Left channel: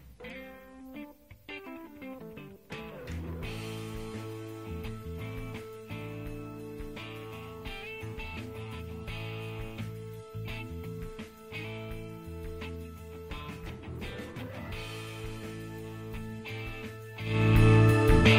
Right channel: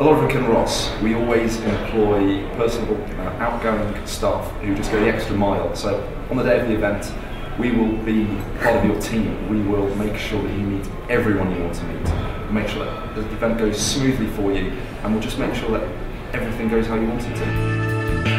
A lot of it can Ross. We always employ personable, outgoing staff who just go the extra mile. So on the day of the event, we will be part of your team. We will make sure that you meet everyone you want to meet. Make sure that the event goes smoothly for you, and we'll just make sure that everything goes how you want it to.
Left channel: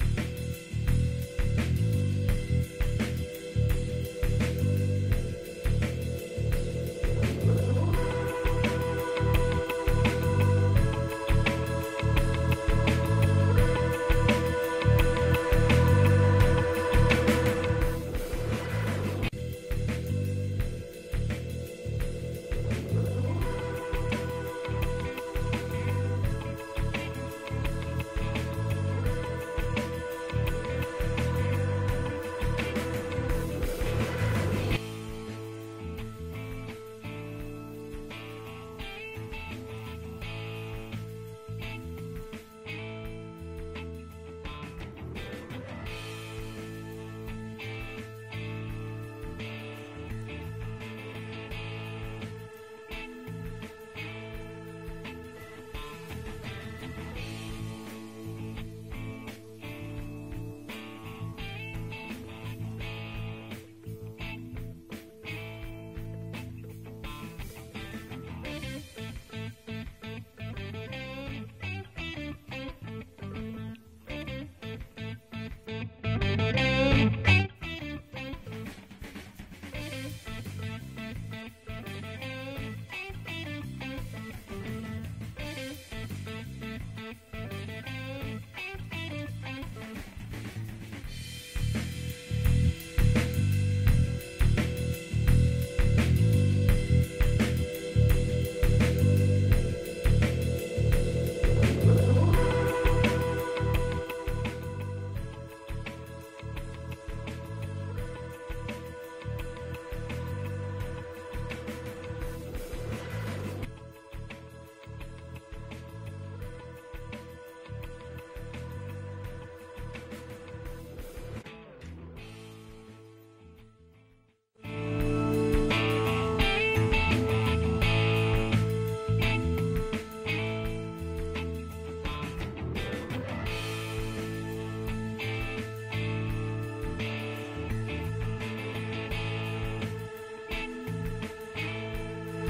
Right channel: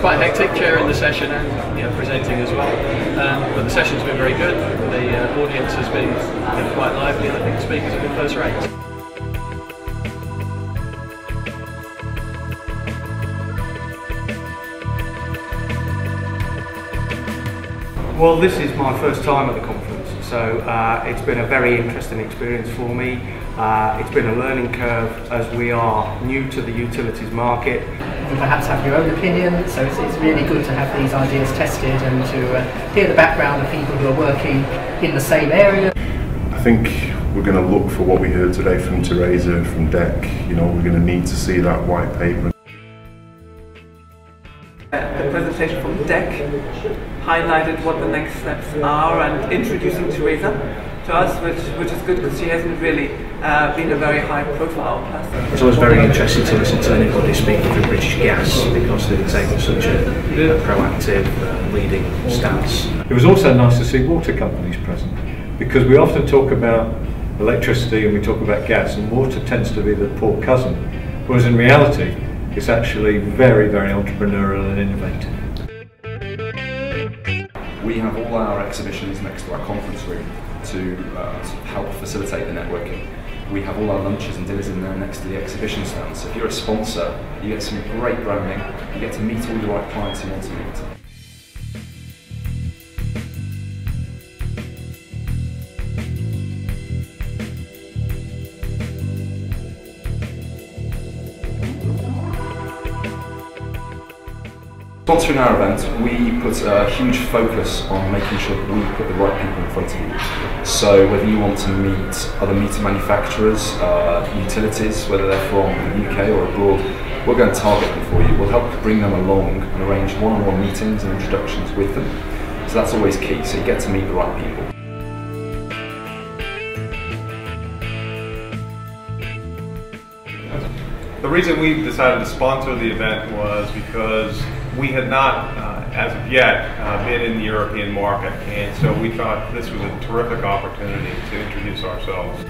Quite hectic chairing the session and presenting as well, but the session's been very good. The audience has been quite lively, and I think the speakers have been first rate. Well, this is my first time at the conference, so it's been a very interesting experience for me. It's been a learning curve as we are new to the utilities market. You perhaps have your own opinion, so it's really good to have these ideas tested and to hear the background of people who are working in the same area. I think we're going to look for what we heard today from Teresa, from DEC. You know, we're going to need to see that white paper. The presentation from DEC highlighted what the next steps are and introducing Teresa to us, which is good because she hasn't really been a very high profile person. It's always very interesting to listen to anybody speaking for British Gas because they take such a proactive leading stance. It was also nice to see water companies present, because we often talk about electricity and we talk about gas, and water tends to be the poor cousin, whereas in reality it's actually very, very entrepreneurial and innovative. We have all our exhibitions next to our conference room to help facilitate the networking. We have all our lunches and dinners in there next to the exhibition stand. So if you're a sponsor, you get some great branding, you get to meet all the right clients you want to meet. Sponsoring our event, we put a huge focus on making sure that we put the right people in front of you. So whether you want to meet other meter manufacturers, utilities, whether they're from the UK or abroad, we're going to target them for you. We'll help bring them along and arrange one-on-one meetings and introductions with them. So that's always key, so you get to meet the right people. The reason we decided to sponsor the event was because we had not, as of yet, been in the European market, and so we thought this was a terrific opportunity to introduce ourselves.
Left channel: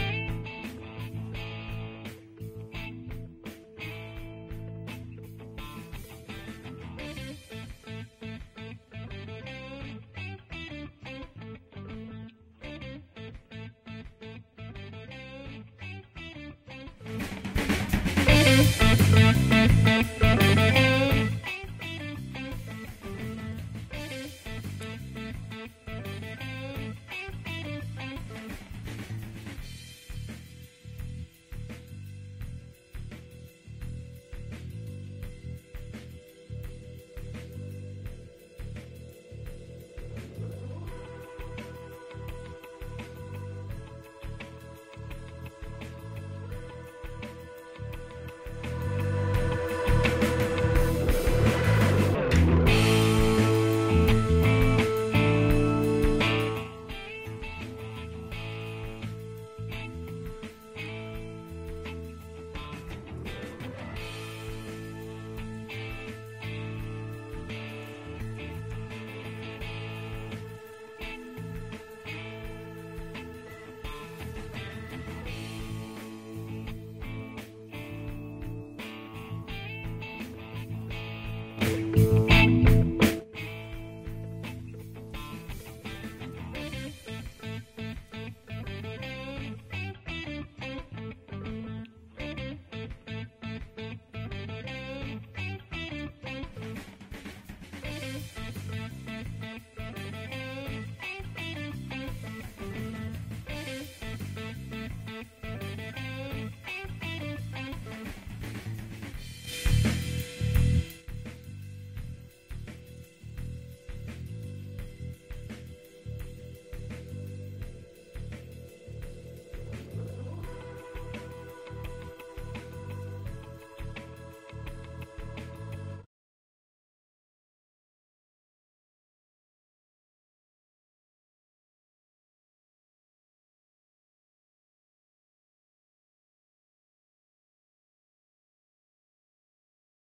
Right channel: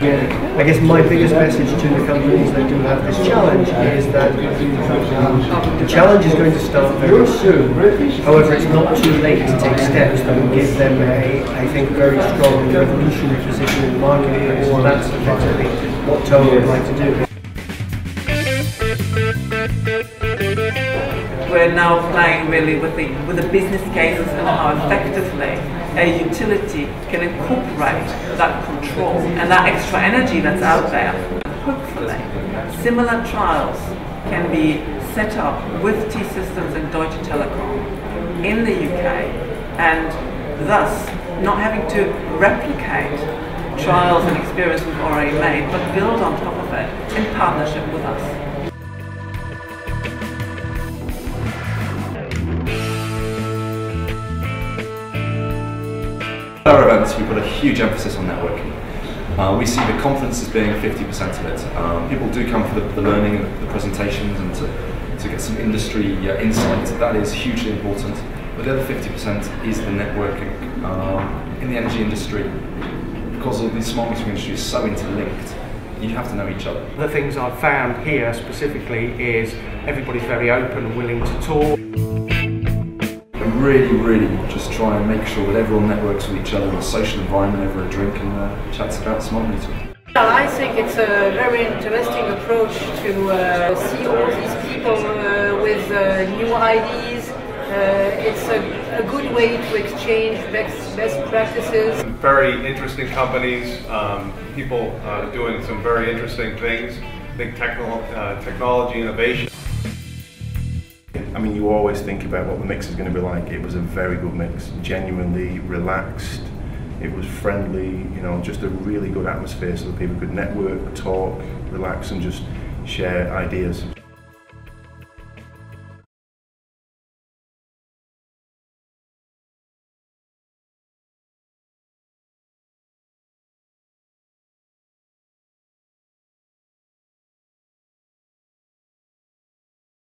I guess my biggest message to the companies that do have this challenge is that the challenge is going to start very soon. However, it's not too late to take steps that will give them I think, very strong and revolutionary position in the marketplace. And that's effectively what Tony would like to do. We're now playing really with the business cases and how effectively a utility can incorporate that control and that extra energy that's out there. Hopefully, similar trials can be set up with T-Systems and Deutsche Telekom in the UK, and thus not having to replicate trials and experience we've already made, but build on top of it in partnership with us. Our events, we put a huge emphasis on networking. We see the conference as being 50% of it. People do come for the learning, the presentations, and to get some industry insight. That is hugely important. But the other 50% is the networking. In the energy industry, because of the smart metering industry is so interlinked, you have to know each other. The things I've found here specifically is everybody's very open and willing to talk. A really just try and make sure that everyone networks with each other in a social environment over a drink and chats about smart metering. Well, I think it's a very interesting approach to see all these people with new ideas. It's a good way to exchange best practices. Very interesting companies, people doing some very interesting things, big technology innovation. I mean, you always think about what the mix is going to be like. It was a very good mix, genuinely relaxed. It was friendly, you know, just a really good atmosphere so that people could network, talk, relax and just share ideas.